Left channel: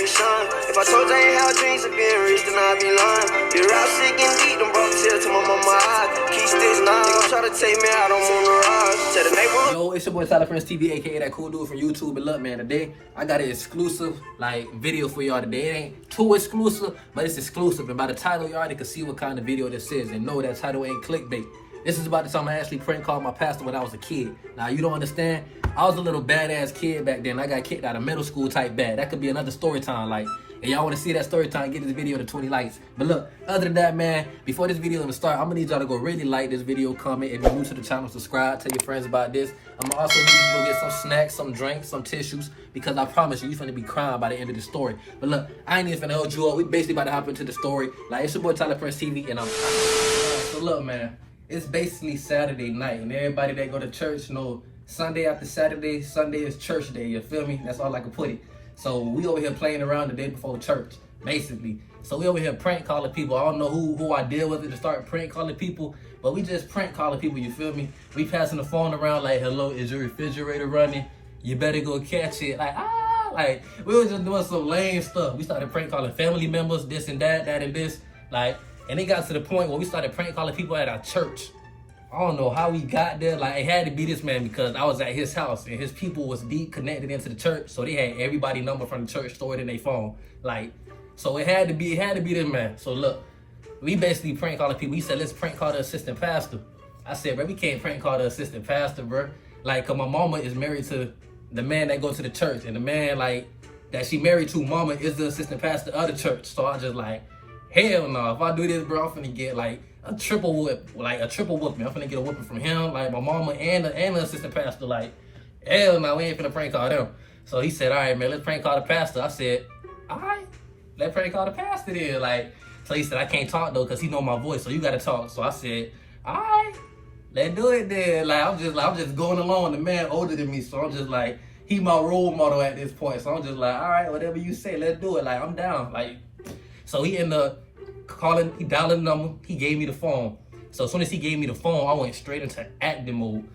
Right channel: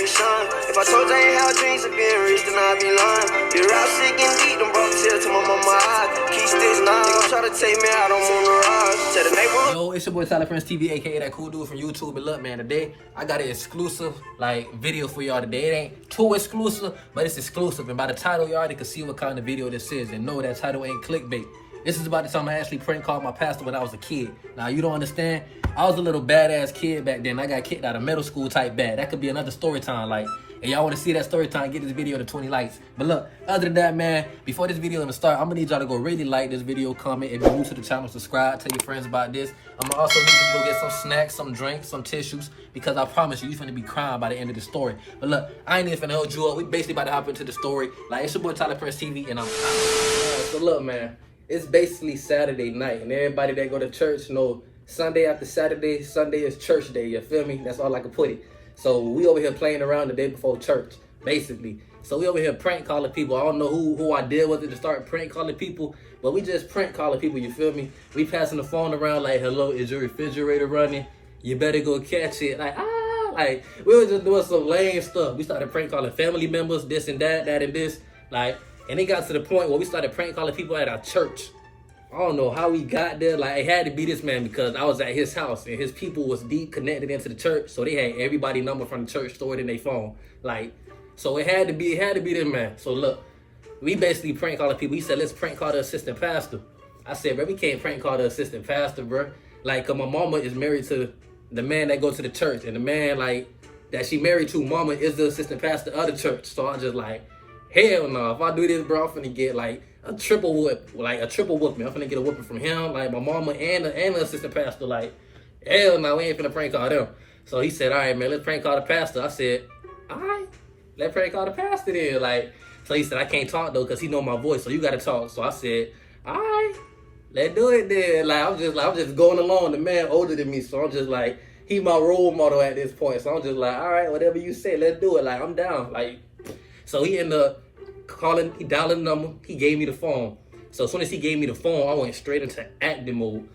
me shine. If I told you I ain't have dreams of being rich, then I'd be lying. Be rap sick and deep, them brought tears to my mama eyes. Keep sticks now, they gon' try to take me out, I'm on the rise. Tell the neighborhood. Yo, it's your boy Tyler PrinceTV, A.K.A. that cool dude from YouTube. And look, man, today I got an exclusive video for y'all today. It ain't too exclusive, but it's exclusive. And by the title, you already can see what kind of video this is. And know that title ain't clickbait. This is about the time I actually prank called my pastor when I was a kid. Now, you don't understand. I was a little badass kid back then. I got kicked out of middle school type bad. That could be another story time. Like, and y'all want to see that story time, get this video to 20 likes. But look, other than that, man, before this video even start, I'm going to need y'all to go really like this video, comment, and if you're new to the channel, subscribe, tell your friends about this. I'm going to also need you to go get some snacks, some drinks, some tissues, because I promise you're going to be crying by the end of the story. But look, I ain't even finna hold you up. We basically about to hop into the story. Like, it's your boy Tyler PrinceTV, and I'm so look, man, it's basically Saturday night, and everybody that go to church know Sunday after Saturday, Sunday is church day, you feel me? That's all I can put it. So we over here playing around the day before church, basically. So we over here prank calling people. I don't know who I did with it to start prank calling people, but we just prank calling people, you feel me? We passing the phone around like, hello, is your refrigerator running? You better go catch it. Like we was just doing some lame stuff. We started prank calling family members, this and that and this. Like, and it got to the point where we started prank calling people at our church. I don't know how we got there. Like, it had to be this man because I was at his house and his people was deep connected into the church. So they had everybody number from the church stored in their phone. Like, so it had to be this man. So look, we basically prank calling people. He said, let's prank call the assistant pastor. I said, bro, we can't prank call the assistant pastor, bro. Like, cause my mama is married to the man that goes to the church. And the man, like, that she married to, mama is the assistant pastor of the church. So I just like, hell no, if I do this, bro, I'm finna get like a triple whooping. I'm finna get a whooping from him, like my mama and the assistant pastor. Like, hell no, we ain't finna prank call them. So he said, all right, man, let's prank call the pastor. I said, all right, let's prank call the pastor then. Like, so he said, I can't talk though, cause he know my voice, so you gotta talk. So I said, all right, let's do it then. Like, I'm just going along. The man older than me, so I'm just like, he my role model at this point. So I'm just like, all right, whatever you say, let's do it. Like, I'm down. Like, so he ended up calling, he dialing the number, he gave me the phone. So as soon as he gave me the phone, I went straight into acting mode.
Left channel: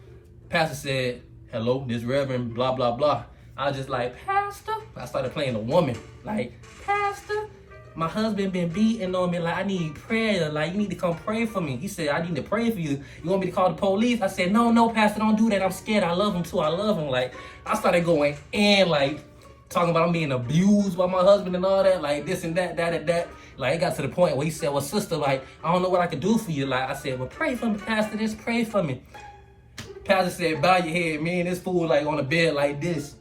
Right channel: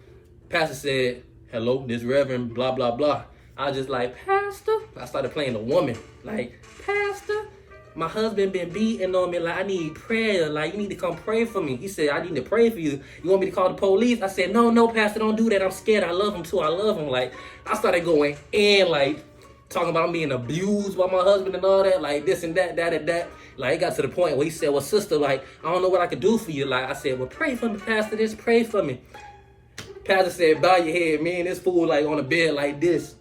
Pastor said, hello, this Reverend, blah, blah, blah. I was just like, Pastor? I started playing a woman. Like, Pastor, my husband been beating on me. Like, I need prayer. Like, you need to come pray for me. He said, I need to pray for you. You want me to call the police? I said, no, Pastor, don't do that. I'm scared. I love him too. I love him. Like, I started going in, like, talking about being abused by my husband and all that, like this and that, that and that. Like, it got to the point where he said, well, sister, like, I don't know what I could do for you. Like, I said, well, pray for me, Pastor, just pray for me. Pastor said, bow your head. Me and this fool, like, on the bed like this.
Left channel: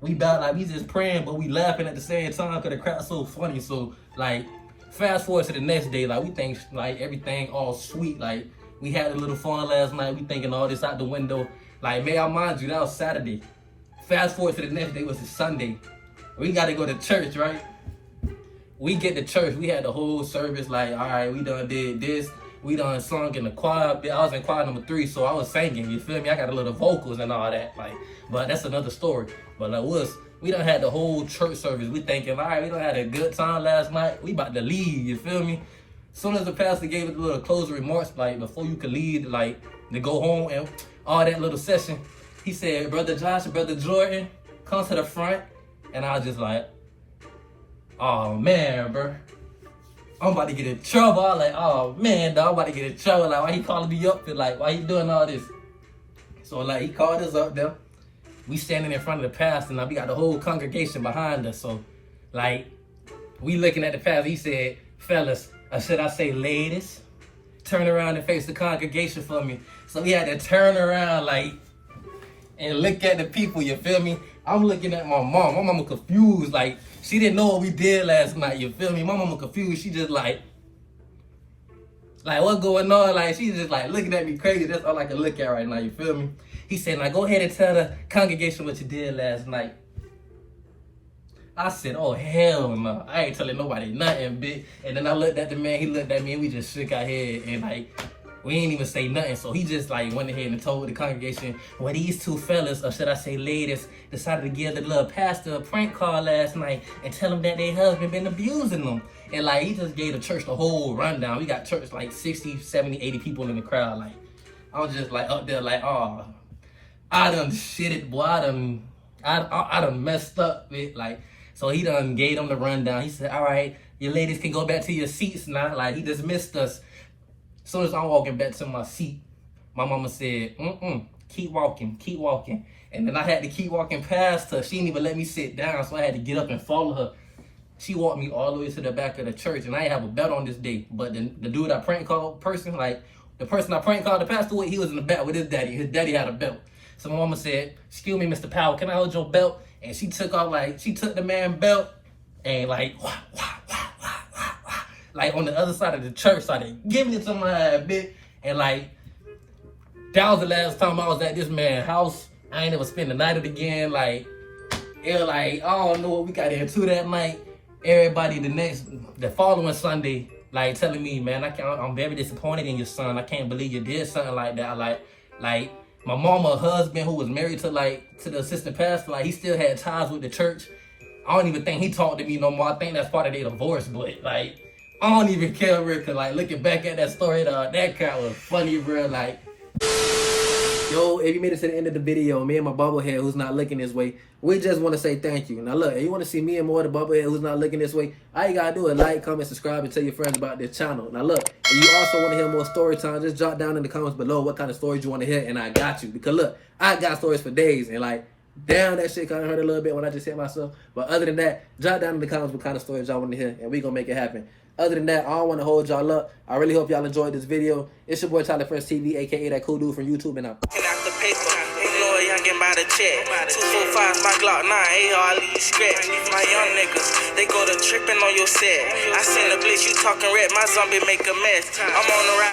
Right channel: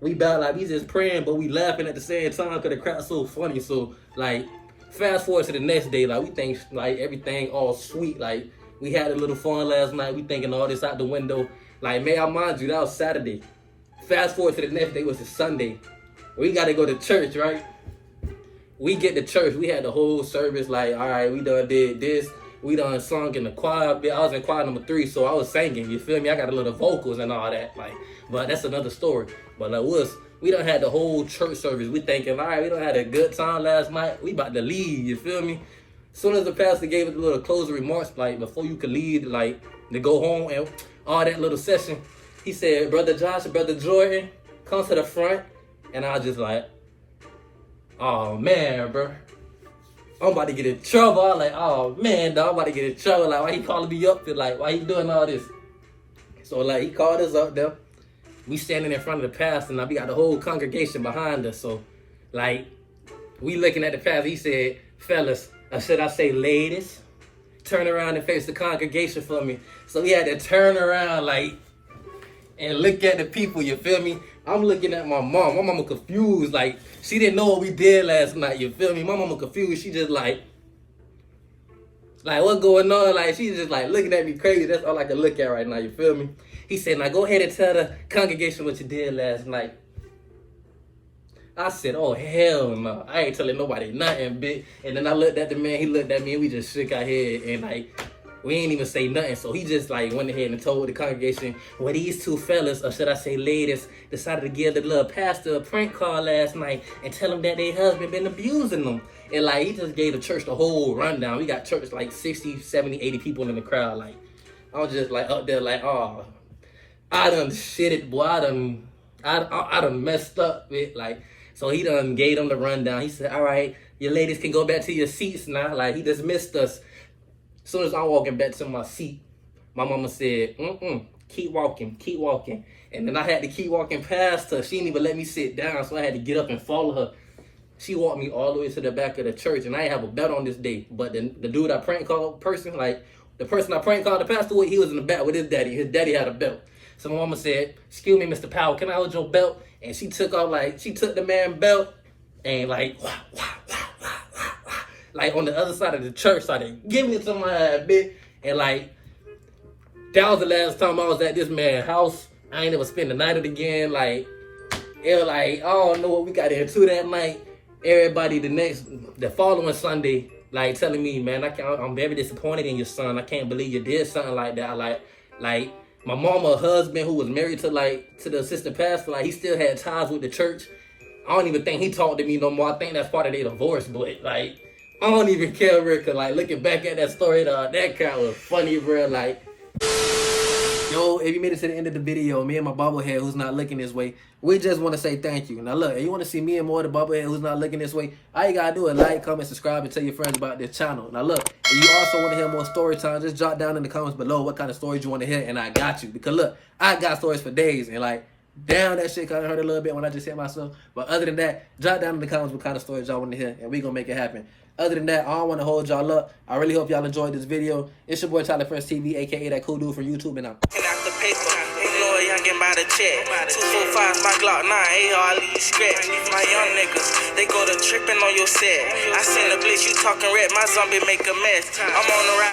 We bow, like, we just praying, but we laughing at the same time because the crowd's so funny. So, like, fast forward to the next day, like, we think, like, everything all sweet. Like, we had a little fun last night. We thinking all this out the window. Like, may I mind you, that was Saturday. Fast forward to the next day, was the Sunday. We got to go to church, right? We get to church. We had the whole service, like, all right, we done did this. We done sung in the choir. I was in choir number 3, so I was singing, you feel me? I got a little vocals and all that, like, but that's another story. But like, we done had the whole church service. We thinking, all right, we done had a good time last night. We about to leave, you feel me? As soon as the pastor gave us a little closing remarks, like, before you could leave, like, to go home and all that little session, he said, Brother Josh and Brother Jordan, come to the front. And I was just like, oh man, bro, I'm about to get in trouble. I was like, oh man, dog, I'm about to get in trouble. Like, why he calling me up? And like, why he doing all this? So like, he called us up there. We standing in front of the pastor, and we got the whole congregation behind us. So like, we looking at the pastor. He said, fellas, or should I say ladies, turn around and face the congregation for me. So we had to turn around, like, and look at the people, you feel me? I'm looking at my mom. My mama confused. Like, she didn't know what we did last night, you feel me? My mama confused. She just like, what's going on? Like, she's just like looking at me crazy. That's all I can look at right now, you feel me? He said, now go ahead and tell the congregation what you did last night. I said, oh, hell no. I ain't telling nobody nothing, bitch. And then I looked at the man. He looked at me, and we just shook our head. And like, we ain't even say nothing. So he just like went ahead and told the congregation, well, these two fellas, or should I say ladies, decided to give the little pastor a prank call last night and tell him that their husband been abusing them. And like, he just gave the church the whole rundown. We got church like 60, 70, 80 people in the crowd. Like, I was just like up there like, oh, I done shit it, boy. I done messed up with, like, So he done gave them the rundown. He said, all right, your ladies can go back to your seats now. Like, he dismissed us. As soon as I'm walking back to my seat, my mama said, keep walking, keep walking. And then I had to keep walking past her. She didn't even let me sit down, so I had to get up and follow her. She walked me all the way to the back of the church, and I didn't have a belt on this day. But the dude I prank called person, like, the person I prank called the pastor with, he was in the back with his daddy. His daddy had a belt. So my mama said, excuse me, Mr. Powell, can I hold your belt? And she took off, like, she took the man's belt and, like, like, on the other side of the church, started giving it to my bitch. And, like, that was the last time I was at this man's house. I ain't never spent the night again. Like, it was like, I don't know what we got into that night. Everybody the following Sunday, like, telling me, man, I'm very disappointed in your son. I can't believe you did something like that. Like my mama, husband, who was married to the assistant pastor, like, he still had ties with the church. I don't even think he talked to me no more. I think that's part of their divorce, but, like, I don't even care, bro, cause, like, looking back at that story, that kind was funny, bro. Like, yo, if you made it to the end of the video, me and my bobblehead who's not looking this way, we just want to say thank you. Now look, if you want to see me and more of the bobblehead who's not looking this way, all you gotta do is like, comment, subscribe, and tell your friends about this channel. Now look, if you also want to hear more story time, just drop down in the comments below what kind of stories you want to hear, and I got you. Because look, I got stories for days, and, like, damn, that shit kind of hurt a little bit when I just hit myself. But other than that, drop down in the comments what kind of stories y'all want to hear, and we gonna make it happen. Other than that, I don't want to hold y'all up. I really hope y'all enjoyed this video. It's your boy Tyler PrinceTV, a.k.a. that cool dude from YouTube, and I'm the paper, ignore youngin' by the check. 245's my Glock 9, AR, I leave scratch. My young niggas, they go to tripping on your set. I seen the blitz, you talking red, my zombie make a mess. I'm on the ride.